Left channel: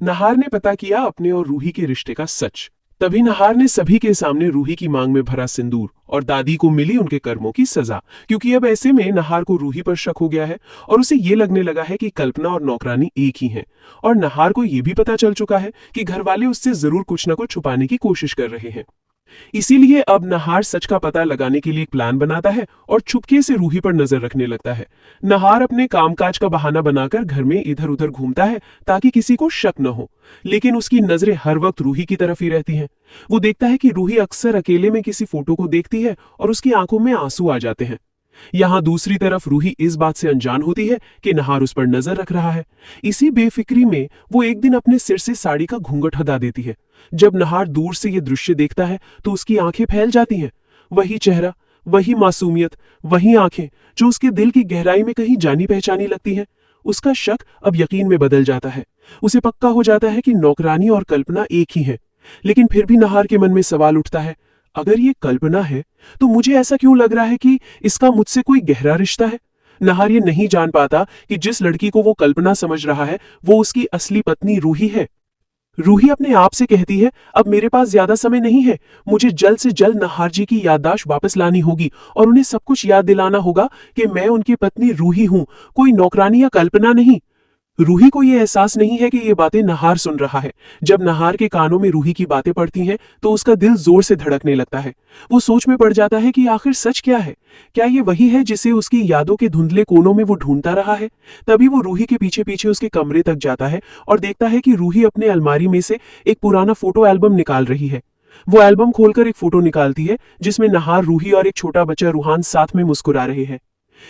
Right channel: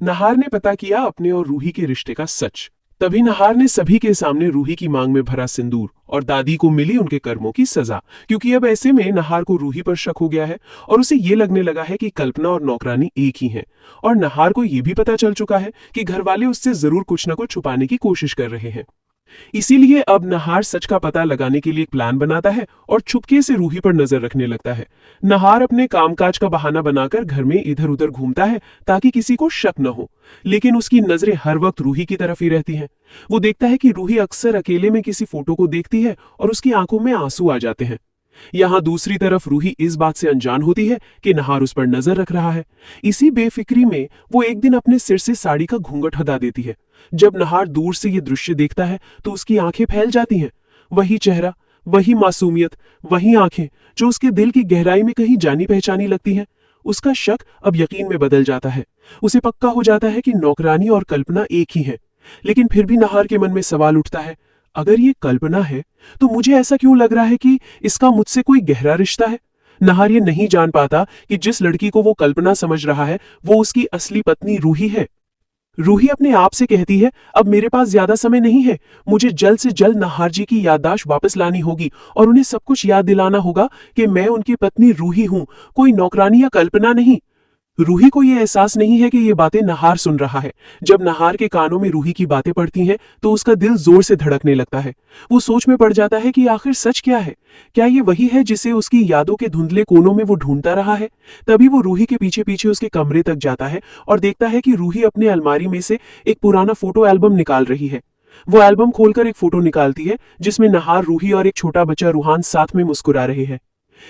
नहार ने पता किया अपने और रूही के रिश्ते का सच। तभी नहार ने सभी के सामने रूही की मांग में भरा सिंदूर और दादी को मिली उनके कर्मों की सजा, क्योंकि अब ऐसे में नहार को रूही पर शक हो गया है और उसे ये लगने लगा है कि कल्पना और नौकरानी एक ही हैं। और नहार को ये भी पता चल चुका है कि घरवाले उससे जरूर कुछ न कुछ छुपाने की कोशिश कर रहे हैं। इसीलिए अब नहार सच का पता लगाने के लिए एक प्लान बनाता है और चुपके से रूही पर नजर रखने लगता है। नहार अपने कामकाज का बहाना बनाकर घर में इधर उधर घूमता है ताकि किसी को शक न हो, लेकिन उसकी नजरें हर वक्त रूही की तरफ ही रहती हैं। वो देखता है कि रूही अक्सर अकेले में किसी फोटो को देखती है और उसकी आंखों में आंसू आ जाते हैं। यहाँ दूसरी तरफ रूही इस बात से अनजान होती है कि नहार उस पर नजर रख रहा है। इसी बेफिक्री में वो एक दिन अपने सिर से साड़ी का घूंघट हटा देती है। जब नहार दूर से ये दृश्य देखता है तो उसकी आंखें फैल जाती हैं। वही चेहरा, वही मासूमियत, वही आंखें जो उसके दिल की गहराई में कहीं जानी पहचानी लगती हैं। उसका शक अब यकीन में बदल जाता है। उसे पक्का हो जाता है कि नौकरानी और कल्पना एक ही है। लेकिन फिर भी नहार के मन में सवाल उठता है, अगर ये कल्पना है तो मुझे ऐसा क्यों लग रहा है कि इसका मुझसे कोई गहरा रिश्ता है। नहार ये नहीं जान पाता कि जिस लड़की को वो कल्पना समझ रहा है वो उसकी असली पत्नी रूही है। रूही अपने आप से कहती है, अब मेरे पास ज्यादा समय नहीं है, मुझे जल्द से जल्द नहार जी की याददाश्त वापस लानी होगी और उन्हें सब कुछ याद दिलाना होगा कि मैं उनकी पत्नी रूही हूं, कोई नौकरानी या कल्पना नहीं। रूही को यह एहसास नहीं है कि ये बातें नहार सुन रहा है। जब नहार के कानों में रूही की बातें पड़ती हैं तो उसका दिल जोर से धड़कने लगता है। वो सोच में पड़ जाता है कि आखिर सच क्या है। क्या ये वही है जिसे उसकी यादों के धुंधले कोनों में वो ढूंढता रहा है। तभी वो रूही के पीछे पीछे उसके कमरे तक जाता है और देखता है कि रूही अपने अलमारी में से एक पुराना फोटो एल्बम निकाल रही है। वो एल्बम खोलकर एक फोटो निकालती है जिसमें नहार, रूही और एक छोटा बच्चा रूहान साथ में मुस्कुरा रहे हैं।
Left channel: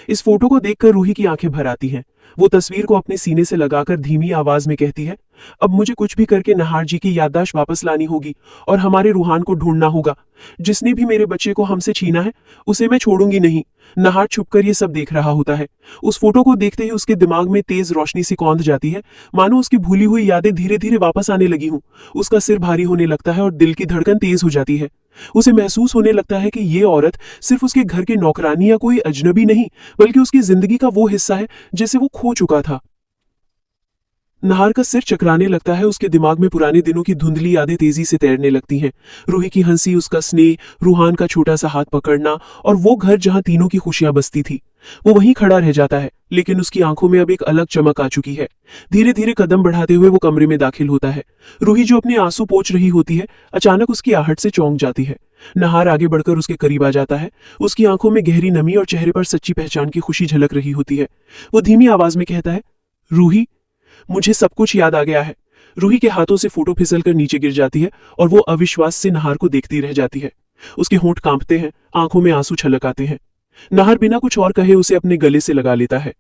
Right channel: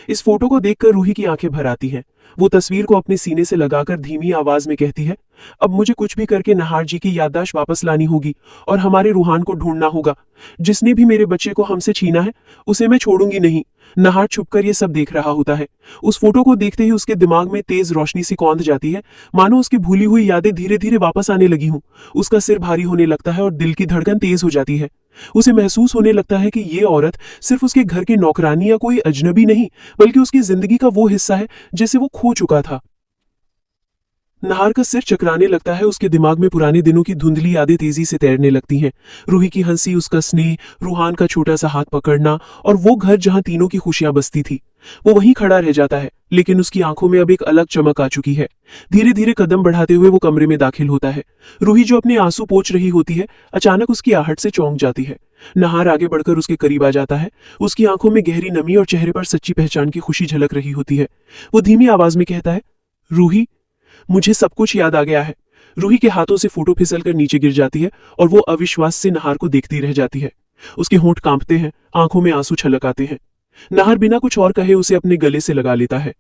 इस फोटो को देखकर रूही की आंखें भर आती हैं। वो तस्वीर को अपने सीने से लगाकर धीमी आवाज में कहती है, अब मुझे कुछ भी करके नहार जी की याददाश्त वापस लानी होगी और हमारे रूहान को ढूंढना होगा। जिसने भी मेरे बच्चे को हमसे छीना है उसे मैं छोड़ूंगी नहीं। नहार छुपकर ये सब देख रहा होता है। उस फोटो को देखते ही उसके दिमाग में तेज रोशनी सी कौंध जाती है, मानो उसकी भूली हुई यादें धीरे धीरे वापस आने लगी हूं। उसका सिर भारी होने लगता है और दिल की धड़कन तेज हो जाती है। उसे महसूस होने लगता है कि ये औरत सिर्फ उसके घर की नौकरानी या कोई अजनबी नहीं, बल्कि उसकी जिंदगी का वो हिस्सा है जिसे वो खो चुका था। नहार का सिर चकराने लगता है। उसके दिमाग में पुराने दिनों की धुंधली यादें तेजी से तैरने लगती हैं। रूही की हंसी, उसका स्नेह, रूहान का छोटा सा हाथ पकड़ना और वो घर जहां तीनों की खुशियां बसती थी। वो वहीं खड़ा रह जाता है, लेकिन उसकी आंखों में अब एक अलग चमक आ चुकी है। धीरे धीरे कदम बढ़ाते हुए वो कमरे में दाखिल होता है। रूही जो अपने आंसू पोंछ रही होती है, अचानक उसकी आहट से चौंक जाती है। नहार आगे बढ़कर उसके करीब आ जाता है। उसकी आंखों में गहरी नमी और चेहरे पर सच्ची पहचान की खुशी झलक रही होती है। वो धीमी आवाज में कहता है, रूही, मुझे सब कुछ याद आ गया है। रूही के हाथों से फोटो फिसलकर नीचे गिर जाती है और वो अविश्वास से नहार को देखती रह जाती है। उसके होंठ कांपते हैं, आंखों में आंसू छलक आते हैं। नहार बिना कुछ और कहे उसे अपने गले से लगा लेता है।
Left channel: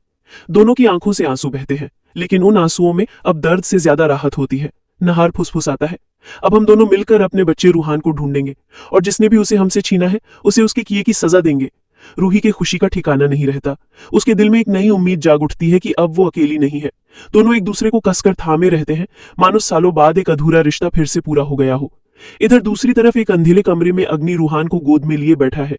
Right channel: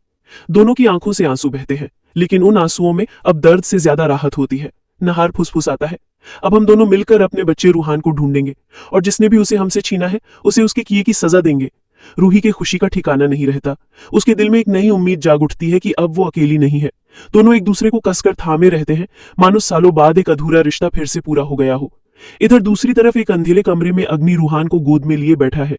दोनों की आंखों से आंसू बहते हैं, लेकिन उन आंसुओं में अब दर्द से ज्यादा राहत होती है। नहार फुसफुसाता है, अब हम दोनों मिलकर अपने बच्चे रूहान को ढूंढेंगे और जिसने भी उसे हमसे छीना है उसे उसके किए की सजा देंगे। रूही की खुशी का ठिकाना नहीं रहता। उसके दिल में एक नई उम्मीद जाग उठती है कि अब वो अकेली नहीं है। दोनों एक दूसरे को कसकर थामे रहते हैं, मानो सालों बाद एक अधूरा रिश्ता फिर से पूरा हो गया हो। इधर दूसरी तरफ एक अंधेरे कमरे में अग्नि रूहान को गोद में लिए बैठा है।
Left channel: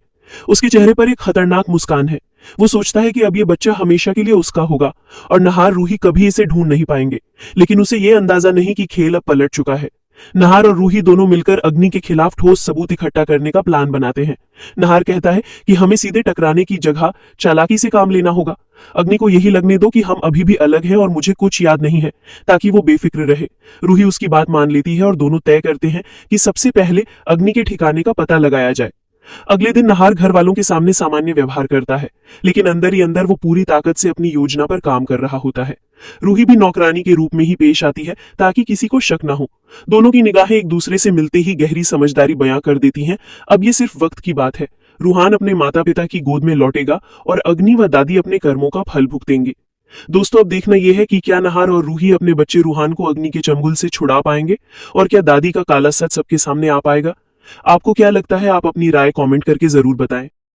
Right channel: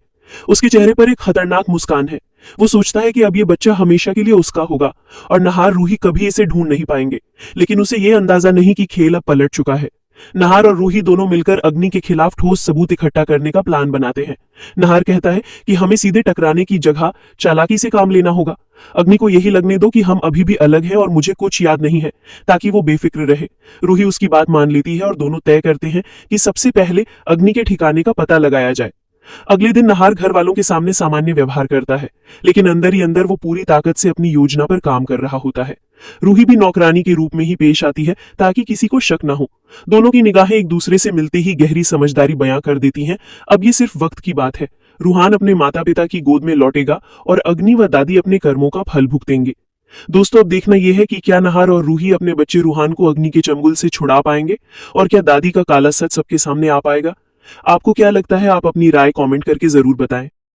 उसके चेहरे पर एक खतरनाक मुस्कान है। वो सोचता है कि अब ये बच्चा हमेशा के लिए उसका होगा और नहार, रूही कभी इसे ढूंढ नहीं पाएंगे। लेकिन उसे ये अंदाजा नहीं कि खेल अब पलट चुका है। नहार और रूही दोनों मिलकर अग्नि के खिलाफ ठोस सबूत इकट्ठा करने का प्लान बनाते हैं। नहार कहता है कि हमें सीधे टकराने की जगह चालाकी से काम लेना होगा। अग्नि को यही लगने दो कि हम अभी भी अलग हैं और मुझे कुछ याद नहीं है, ताकि वो बेफिक्र रहे। रूही उसकी बात मान लेती है और दोनों तय करते हैं कि सबसे पहले अग्नि के ठिकाने का पता लगाया जाए। अगले दिन नहार घर वालों के सामने सामान्य व्यवहार करता है, लेकिन अंदर ही अंदर वो पूरी ताकत से अपनी योजना पर काम कर रहा होता है। रूही भी नौकरानी के रूप में ही पेश आती है ताकि किसी को शक न हो। दोनों की निगाहें एक दूसरे से मिलते ही गहरी समझदारी बयां कर देती हैं। अब ये सिर्फ वक्त की बात है। रूहान अपने माता पिता की गोद में लौटेगा और अग्नि व दादी अपने कर्मों का फल भुगतेंगे। दोस्तों, अब देखना यह है कि क्या नहार और रूही अपने बच्चे रूहान को अग्नि के चंगुल से छुड़ा पाएंगे और क्या दादी का काला सच सबके सामने आ पाएगा। आपको क्या लगता है? आप अपनी राय कमेंट करके जरूर बताएं।